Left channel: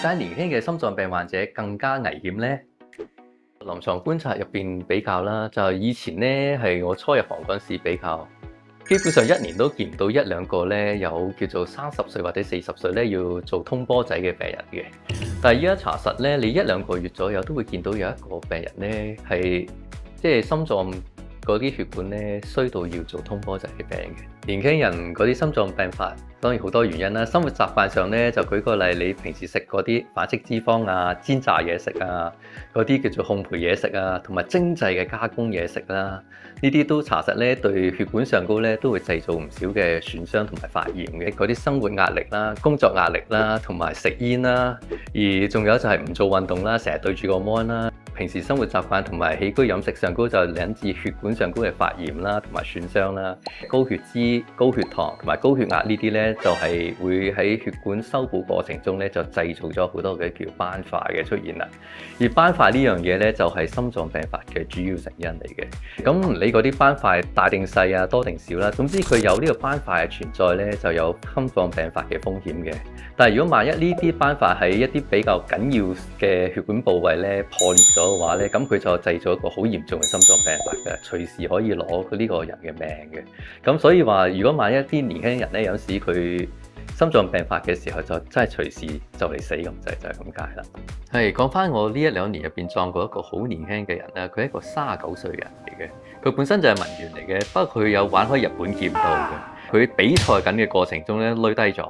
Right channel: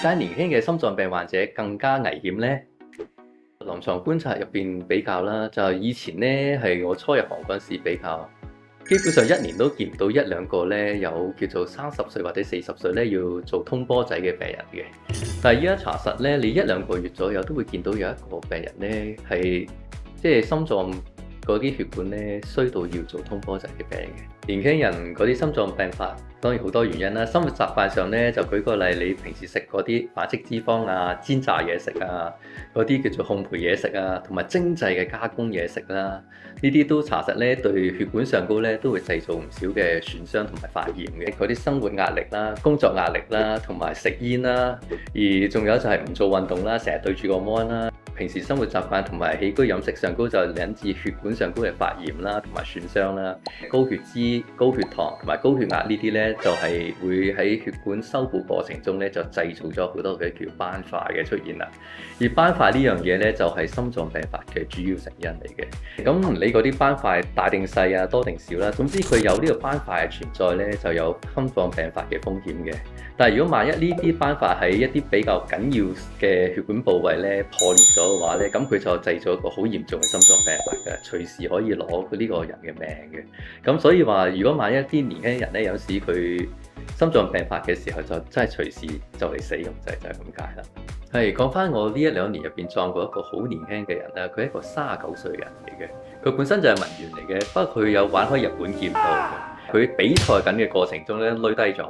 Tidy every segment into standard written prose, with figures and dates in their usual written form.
解年輕嘅心臟病患者更加危險呢？臨床觀察入邊比較啦，就係以前咧係我初入行嗰陣時比較，基本上一年都見唔到一兩個咧有叫做30歲或者40歲咧要做通波仔嘅病人嘅。但係依家查實咧，你一兩個月左右都會見到有一個病人咧係即係心臟嗰啲血管咧衰到要做通波仔嘅病嘅。年輕人嗰啲心臟病發當然好多原因啦，生活習慣上咧就舉個例，你平時食嗰啲反式脂肪啊、煎炸嘢食啊、嗰啲叫做烘焙嘢食啊，同埋精製嘅加工嘢食啦，呢啲都查實咧對血管上高咧都會製造唔少嘅損傷同埋發炎嘅。嗰啲生活壓力啦、工作壓力啦，同埋食煙啦，而仲有就係唔做運動啦，成日對住個 mon 啦。平時生活習慣同埋起居飲食上高就引致血管上高嘅發炎啦，同埋損傷啦。高血脂、高血糖同埋高血壓呢啲咧，就係會喺血管修補過程中咧，就製造咗好多嘅叫斑塊嘅出現啦。而斑塊呢樣嘢咧，就係心臟病發嘅主要成因嚟嘅。咁你嗰啲斑塊大定細啊，多定少啦，總之佢有呢個斑塊嘅存在咧，就有心臟病發嘅風險嘅。但係如果萬一呢啲斑塊喺一啲比較緊要嘅血管部位咧破裂咗嘅話咧，咁佢就製造一個好嚴重嘅心臟病發嘅，隨時可以攞呢個人嘅命嘅。咁所以話，如果萬一啲年輕人咧，有時佢心臟病發嘅時候，就真係隨時就嚟死咁滯，就係咁解啦。係講翻我呢一兩年入邊撞過一個好年輕嘅人啦，佢係一個39歲嘅人嚟嘅，佢本身就係文員嚟嘅，不過佢有玩開日本劍道嘅，佢比賽緊嘅過程中咧累低咗。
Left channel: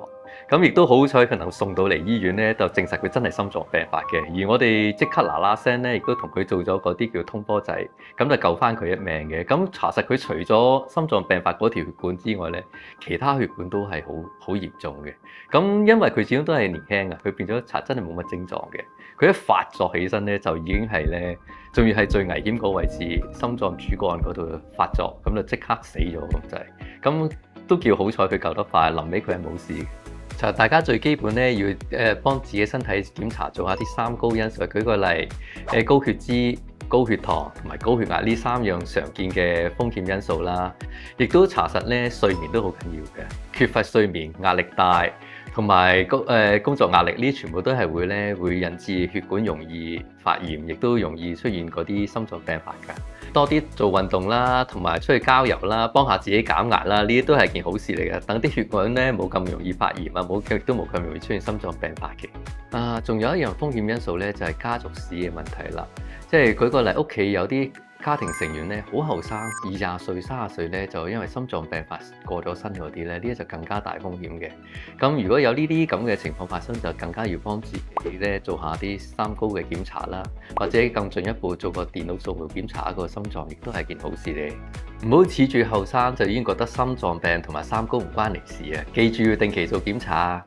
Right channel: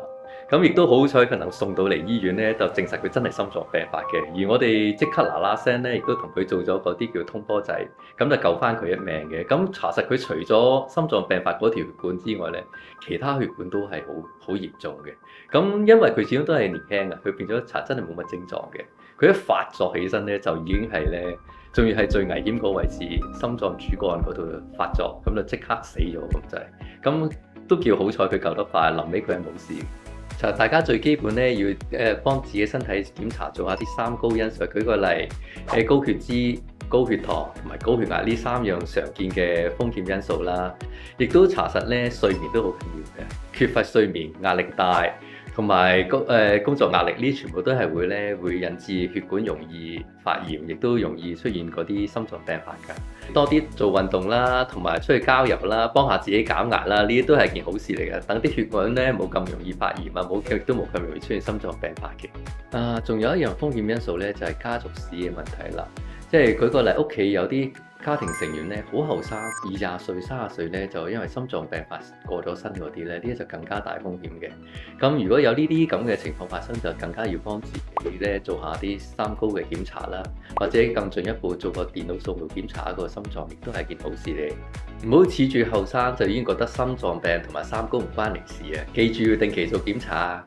咁亦都好彩，佢能送到嚟醫院咧，就證實佢真係心臟病發嘅。而我哋即刻嗱嗱聲咧，亦都同佢做咗嗰啲叫通波仔，咁就救翻佢一命嘅。咁查實佢除咗心臟病發嗰條血管之外咧，其他血管都係好嚴重嘅。咁因為佢始終都係年輕啊，佢變咗查真係冇乜症狀嘅。佢一發作起身咧，就已經係咧，仲要係最危險嗰位置，心臟主幹嗰度發作，咁就即刻死咗咁滯。咁都叫好彩，佢救得快，臨尾佢係冇事。大家最基本咧要幫自己身體檢查，做下啲三高因素。舉個例，高血脂、高血糖同埋高血壓呢3樣常見嘅風險因素啦。亦都查實咧，睡眠都好緊要嘅。缺乏睡眠、壓力大同埋工作壓力呢，全部都係會引致血管容易發炎，亦都容易出現嗰啲心臟病發㗎。多啲做運動啦，同埋出去郊遊啦，幫下自己減壓啦，呢啲都係件好事嚟嘅。等啲血管咧冇咁容易發炎啊，亦都冇咁容易出現心臟病發嘅。仲有一樣風險因素咧，就係家族史嘅問題啦。即係舉個例，屋企有啲家庭成員咧好後生，20歲、30歲咧就因為心臟病發過咗身嗰啲咧，呢啲就更加大風險嘅。咁如果有呢啲咁嘅情況發生，就更加要幫自己咧做下啲三高嘅檢查啦，或者更進一步做個電腦掃描檢查個心臟，亦都係件好事嚟。唔好恃住後生就已經覺得心臟病同埋三高唔關你事啊！記住要定期做檢查啊！